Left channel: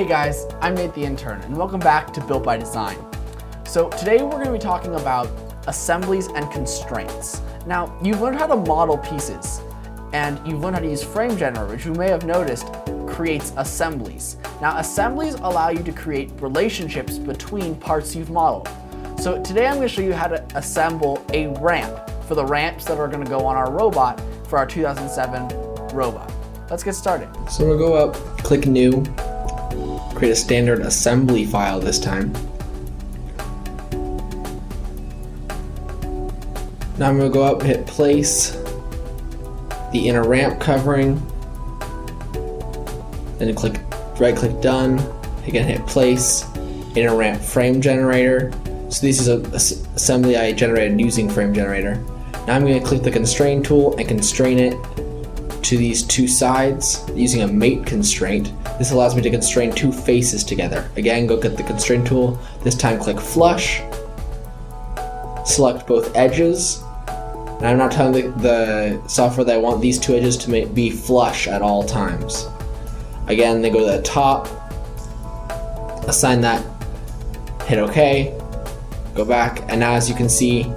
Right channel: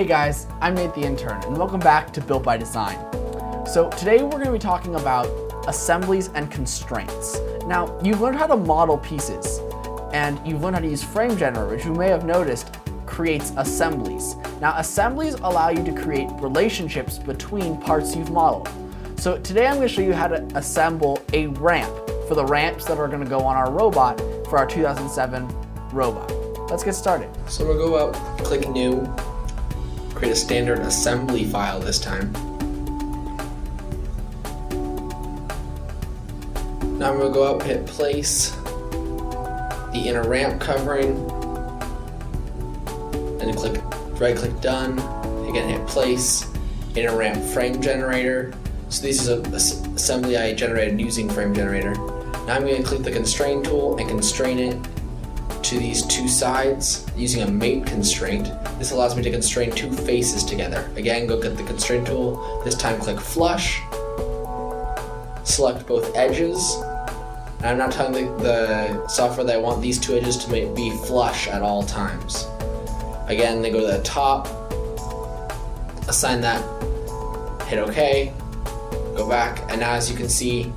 Hey guys, I'm Nate the Intern, and welcome back to Built by Design. So today we're going to be talking about assemblies and constraints. Now, you've learned how to model pieces, and you've learned how to use Frame Generator, which you may have noticed creates assemblies. Now, assemblies allow you to create relationships between parts you've modeled. So today I'm going to show you how to assemble a ramp for the ramps that are going to go on our robot for our 2007 robot. Let's get started. So we'll go up, click New, create a standard assembly file this time. Now I'm going to go up, hit Place, the inner ramp covering, then click right-click Done, again hit Place, inner ramp frame generator. So this is an assembly I generated using Frame Generator. Now I'm going to click the Constrain tool and constrain it to these two sides using a mate constraint. This allows me to constrain two faces together. Again, go get the Constrain tool. This time click Flush, select both edges. And I'm not telling the software that I want these two edges to be flush at all times. Again, then go to the top, assign that, hit OK, go back, and now as you can see,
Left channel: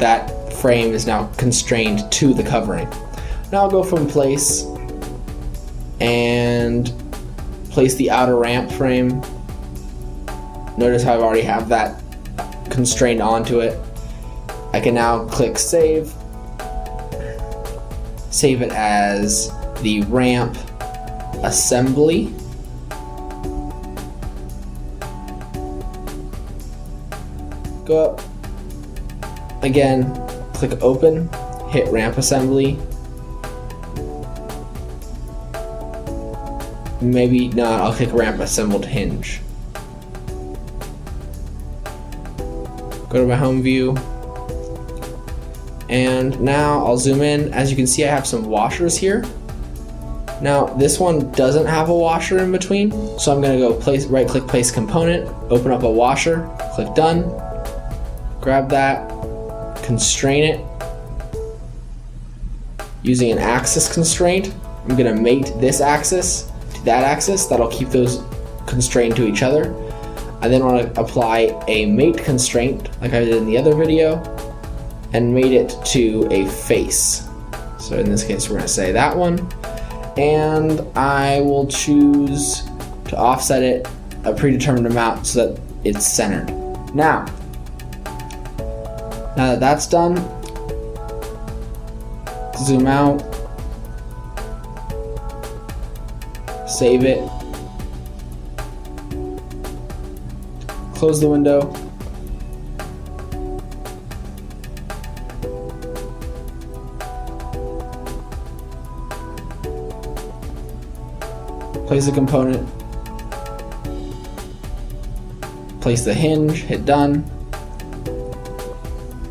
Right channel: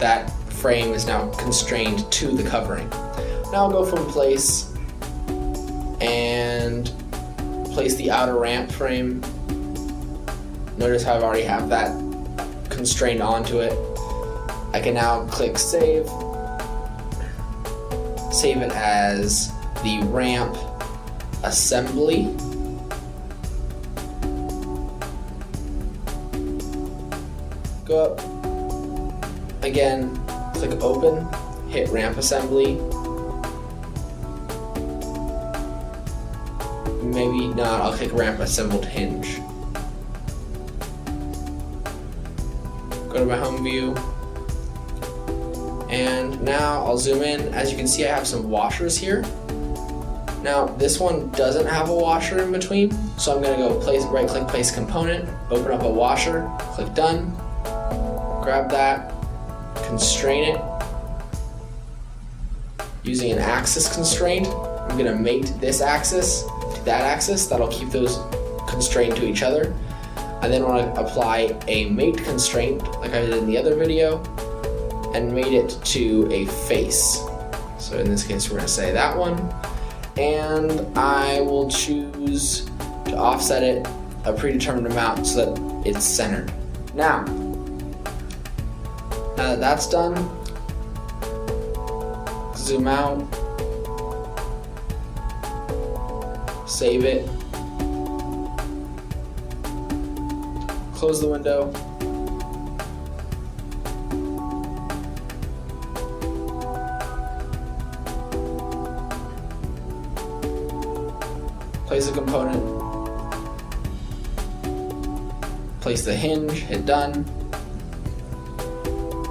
that frame is now constrained to the covering. Now I'll go from Place and place the outer ramp frame. Notice how I already have that constrained onto it. I can now click Save. Save it as the ramp assembly. Go up. Again, click Open, hit ramp assembly. Maybe not, I'll click ramp assembled hinge. Go to my home view. And now I'll zoom in. As you can see, I have some washers here. Now this one doesn't have a washer in between, so I'm gonna go right click place component, open up a washer, click Done, grab that, constrain it. Using an axis constraint, I'm gonna mate this axis to that axis. That'll keep those constrained to each other. I then wanna apply a mate constraint like I did in the other video and mate it to a face. So in this case, we're gonna say that one. And I will choose to offset it a predetermined amount so that it's centered. Now that that's done, zoom out, save it, close the window, place the component, place the hinge, hit Done.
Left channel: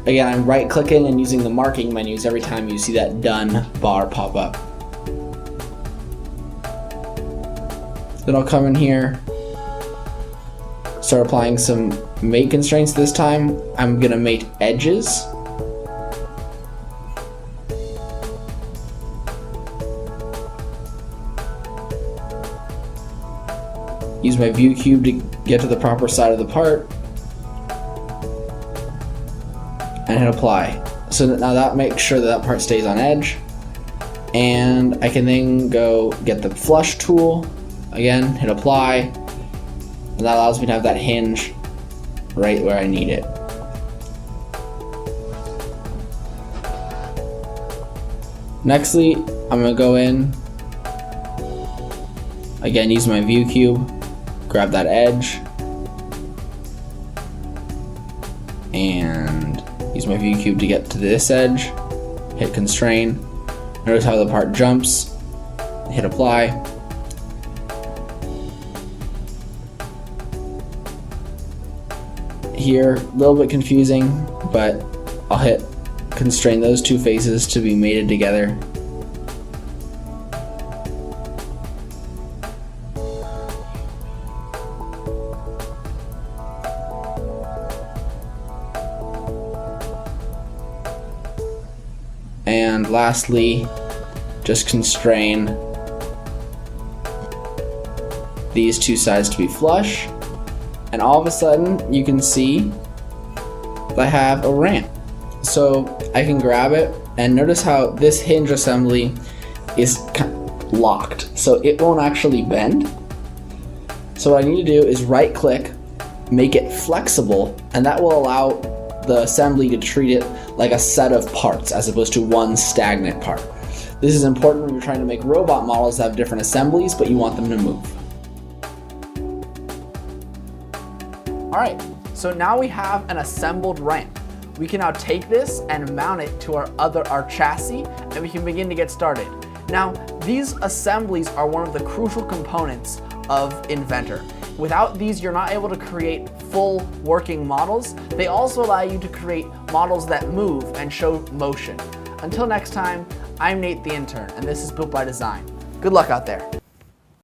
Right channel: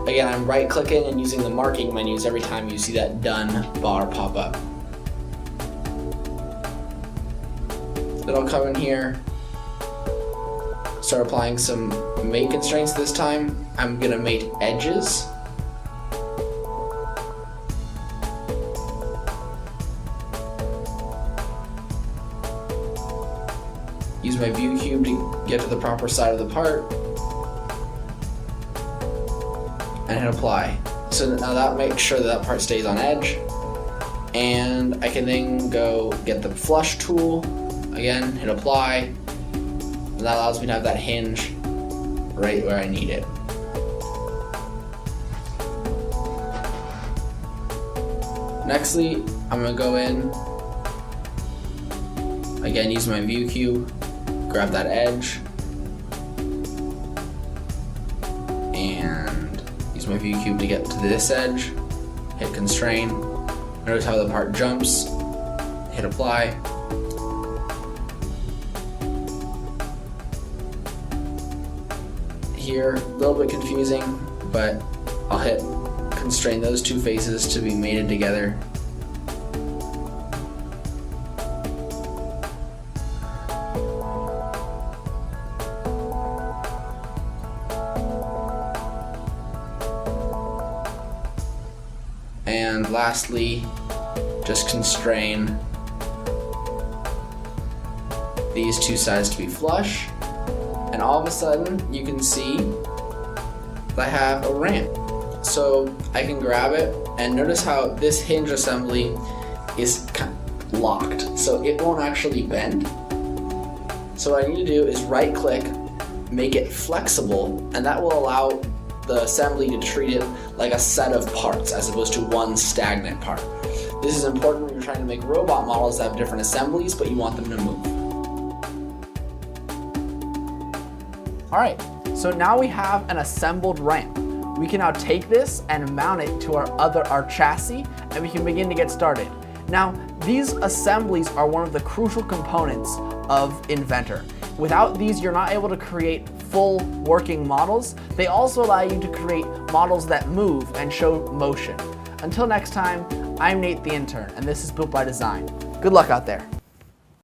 Again, I'm right clicking and using the marking menus every time you see that Done bar pop up. Then I'll come in here, start applying some mate constraints this time. I'm gonna mate edges. Use my view cube to get to the proper side of the part and hit apply. So now that makes sure that part stays on edge, and I can then go get the flush tool, again hit apply, and that allows me to have that hinge right where I need it. Nextly, I'm going to go in, again use my view cube, grab that edge, and use my view cube to get to this edge, hit constrain. Notice how the part jumps, hit apply. Here, a little bit confusing, but I'll hit constrain those two faces to be mated together. And lastly, just constrain these two sides to be flush, and all of a sudden you can see I have a ramp. So I can grab it, and notice how this hinge assembly is locked, so it won't actually bend. So what I need to do is right click, make it flexible, and that will allow the assembly to treat it like a set of parts as opposed to one stagnant part. This is important when you're trying to make robot models that have different assemblies, but you want them to move. All right, so now we have an assembled ramp. We can now take this and mount it to our chassis, and we can begin to get started. Now, these assemblies are one of the crucial components of Inventor. Without these, you're not able to create full working models. They also allow you to create models that move and show motion. Until next time, I'm Nate the Intern, and this is Built by Design. Good luck out there.